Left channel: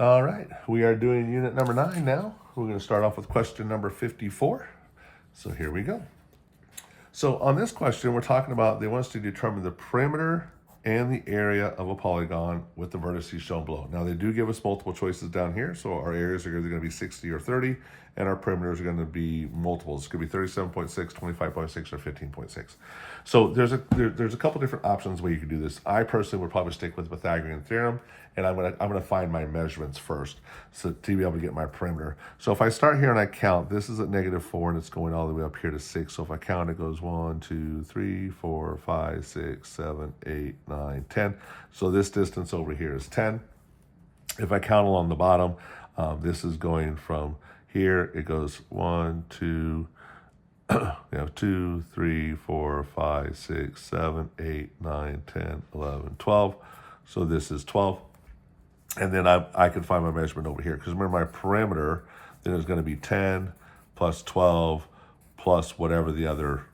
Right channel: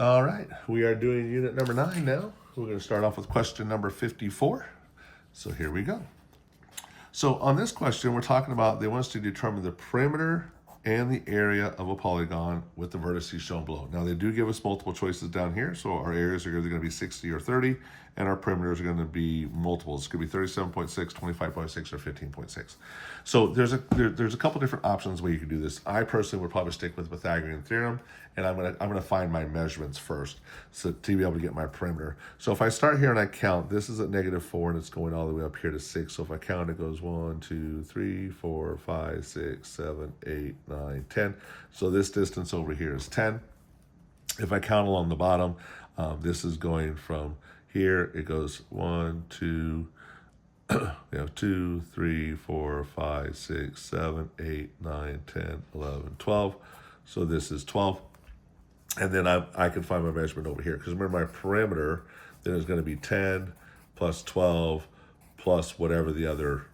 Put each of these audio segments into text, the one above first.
All right, we are doing unit number 9 now. We're going to start off with question number 54. So here we go. So on this question, we're talking about, they want us to determine the perimeter and the area of a polygon with the vertices shown below. Now they do give us multiple choices down here. So our areas are either going to be 60 or 30, and our perimeters are going to be multiples. It's going to be 37.6, 25.6, or 15.6. So there's a couple different options where you can do this. I personally would probably stick with Pythagorean theorem, and I'm gonna find my measurements first so to be able to get my perimeter. So if I start here and I count, this is at -4 and it's going all the way up here to 6. So if I count, it goes 1, 2, 3, 4, 5, 6, 7, 8, 9, 10. So this distance over here is 10. If I count along the bottom, this is going from here, it goes 1, 2, 2, 3, 4, 5, 6, 7, 8, 9, 10, 11, 12. So this is 12. And then I can find my measurement over here, because remember my perimeter then is going to be 10 plus 12 plus whatever the other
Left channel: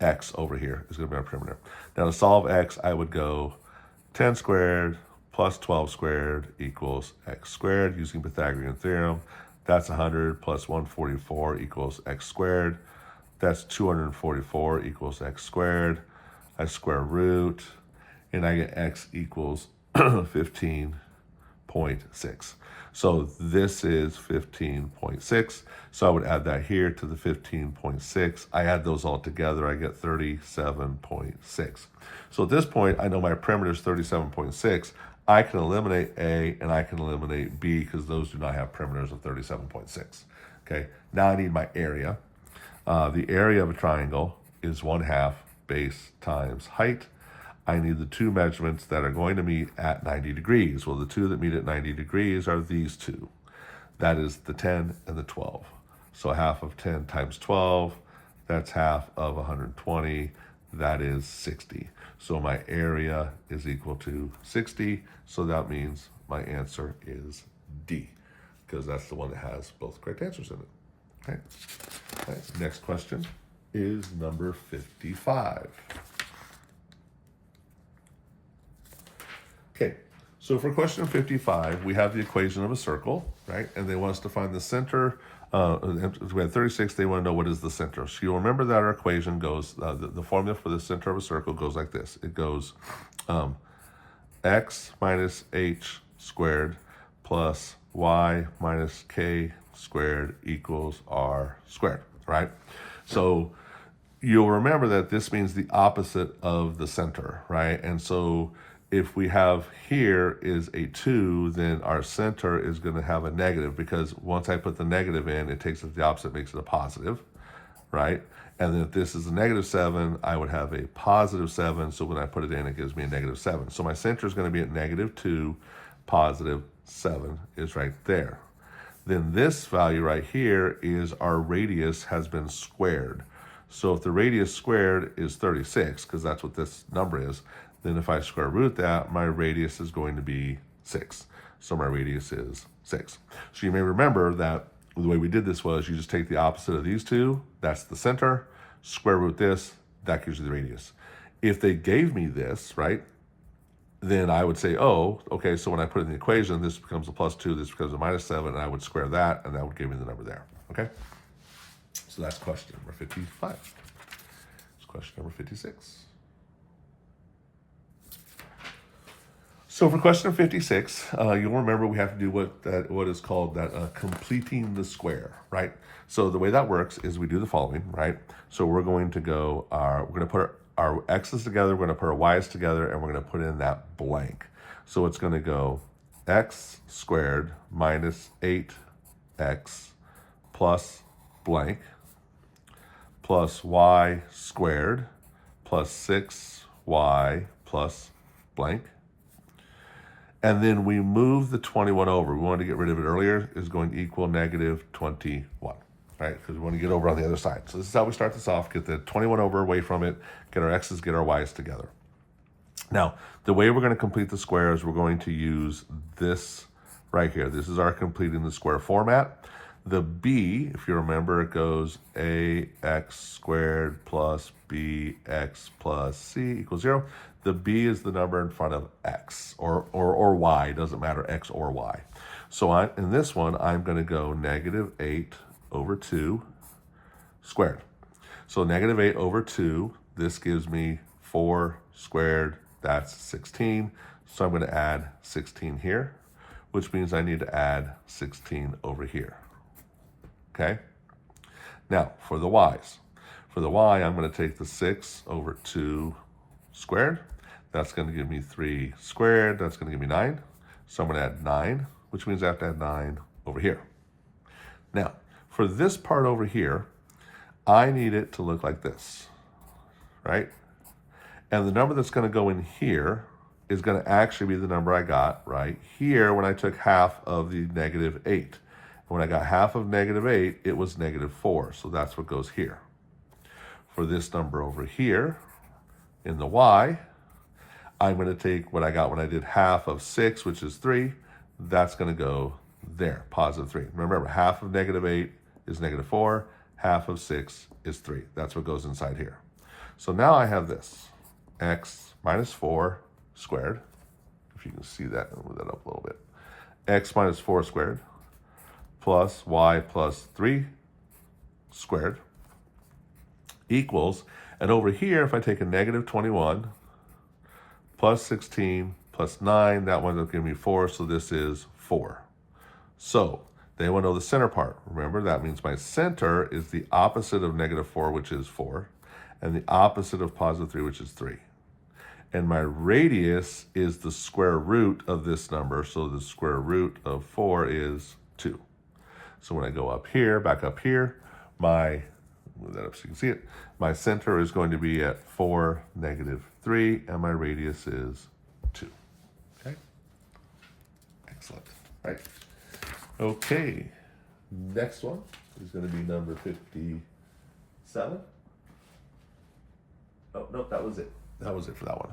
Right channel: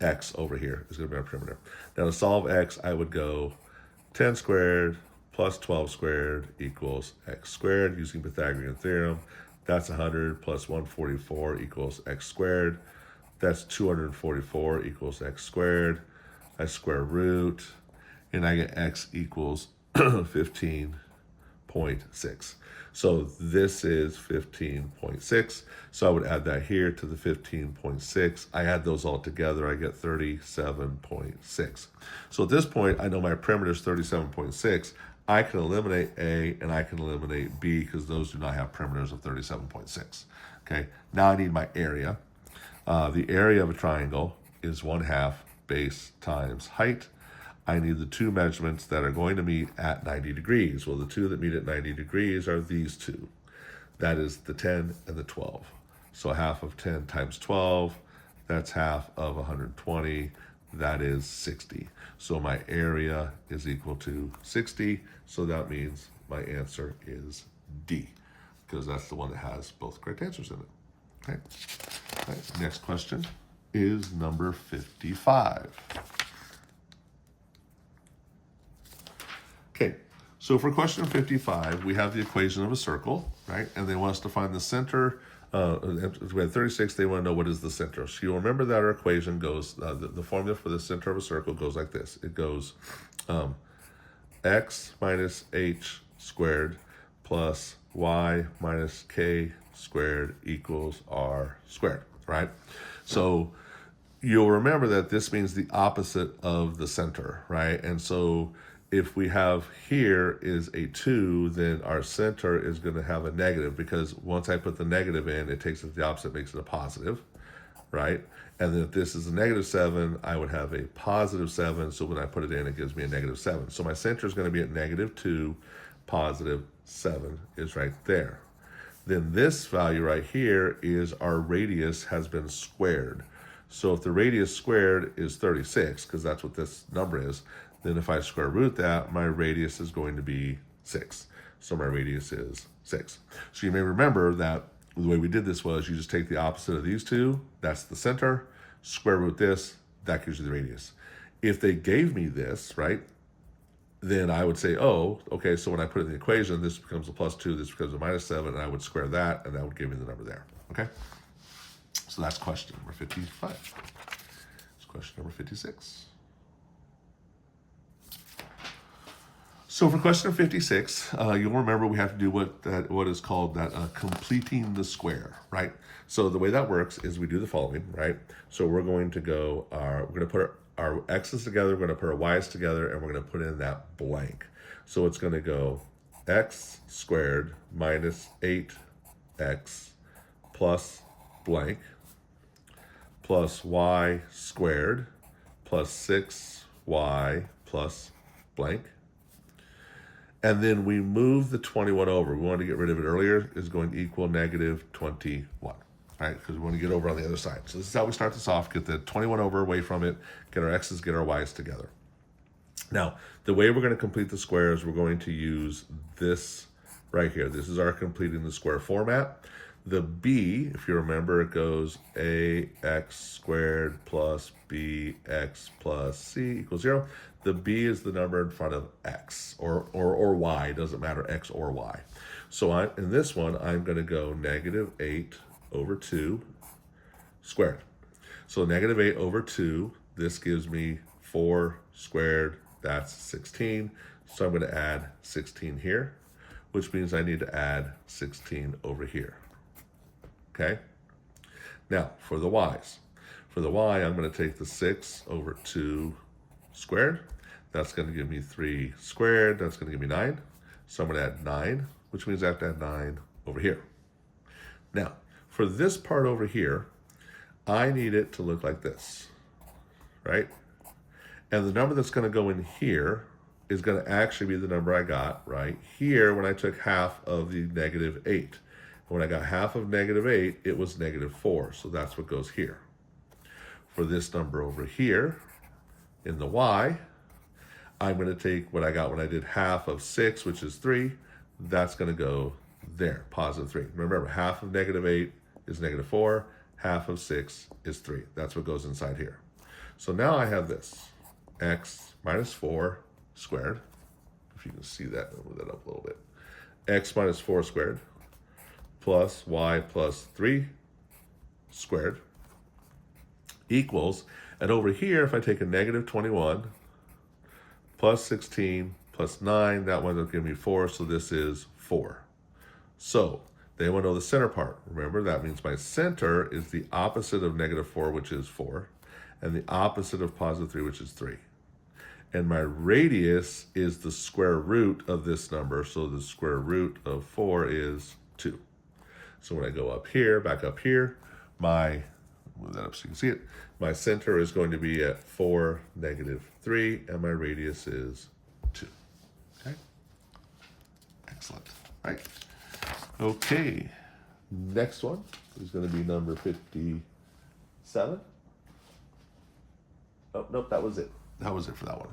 x over here is going to be my perimeter. Now to solve x, I would go 10 squared plus 12 squared equals x squared using Pythagorean theorem. That's 100 plus 144 equals x squared. That's 244 equals x squared. I square root, and I get x equals 15.6. So this is 15.6. So I would add that here to the 15.6. I add those all together, I get 37.6. So at this point, I know my perimeter is 37.6. I can eliminate A and I can eliminate B because those do not have perimeters of 37.6. Okay, now I need my area. The area of a triangle is 1/2 base times height. I need the two measurements that are going to meet at 90 degrees. Well, the two that meet at 90 degrees are these two. That is the 10 and the 12. So 1/2 of 10 times 12, that's 1/2 of 120, that is 60. So my area is equal to 60, so that means my answer is D, because that's the one that has both correct answers in it. Okay. All right. Next question is number 55. Okay, so for question 55, we have the equation of a circle, right? And they want us to find the center. We had 36, they want to know what is the center. So you'll remember that our equation goes, the formula for the center of a circle goes like this. It goes x minus h squared plus y minus k squared equals r squared, right? So you'll remember that this means the opposite of the center, right? And so if we have here is a 2, then our center is going to have a negative, because once I put the negative in, it takes it the opposite, makes it a positive, right? And then if this is a -7, I would have a +7. So when I put it in, it gives me a -7. So my center is going to be at -2, +7 is right there. Then this value right here is our radius has been squared. So if the radius squared is 36, because that's what this number is, then if I square root that, my radius is going to be 6. So my radius is 6. So you may remember that the way we did this was you just take the opposite of these two, that's the center, square root this, that gives you the radius. If they gave me this, right, then I would say, oh, okay, so when I put it in the equation, this becomes a +2, this becomes a -7, and I would square that, and that would give me the number there, okay? So that's question number 55. It's question number 56. So for question 56, you'll remember we have to do what is called that completing the square, right? So the way that works is we do the following, right? So we're going to go, we're going to put our x's together, we're going to put our y's together, and we're going to put in that blank. So it's going to go x squared minus 8x plus blank plus y squared plus 6y plus blank. And then we move the 21 over. We wanted to get rid of it earlier, is going to equal -21, right? Because we want to get over on the other side. So this is how we start this off, get the 21 over away from it, get our x's, get our y's together. Now, the way we're going to complete the square is we're going to use this right here. This is our completing the square format. The b, if you remember, it goes ax squared plus bx plus c equals 0. The b is the number in front of x or y, doesn't matter, x or y. So in this one, I'm going to go negative 8 over 2 squared. So negative 8 over 2, this gives me 4 squared, that's 16. So I'm going to add 16 here, which means I need to add 16 over here. Okay? Now, for the y's. For the y, I'm going to take the 6 over 2 squared. That's going to give me 3 squared. That's going to give me 9. So I'm going to add 9, which means I have to add 9 over here. Now, for this part over here, I need it to look like this, right? And the number that's going to go in here is going to actually be the number I got right here when I took half of the negative 8. When I got half of negative 8, it was negative 4. So that's what goes here. For this number over here, in the y, I'm going to take what I got when I did half of 6, which is 3. That's going to go there, positive 3. Remember, half of negative 8 is negative 4. Half of 6 is 3. That's what goes inside here. So now I have this, x minus 4 squared. If you can see that, I'll move that up a little bit. X minus 4 squared plus y plus 3 squared equals, and over here, if I take a negative 21 plus 16 plus 9, that winds up giving me 4, so this is 4. So they want to know the center part. Remember, that means my center is the opposite of negative 4, which is 4, and the opposite of positive 3, which is 3. And my radius is the square root of this number, so the square root of 4 is 2. So when I go up here, back up here, move that up so you can see it, my center is going to be at 4, negative 3, and my radius is 2. Okay? Excellent, right? Okay, next one is going to be number 57. Oh, nope, that was it. That was it for that one.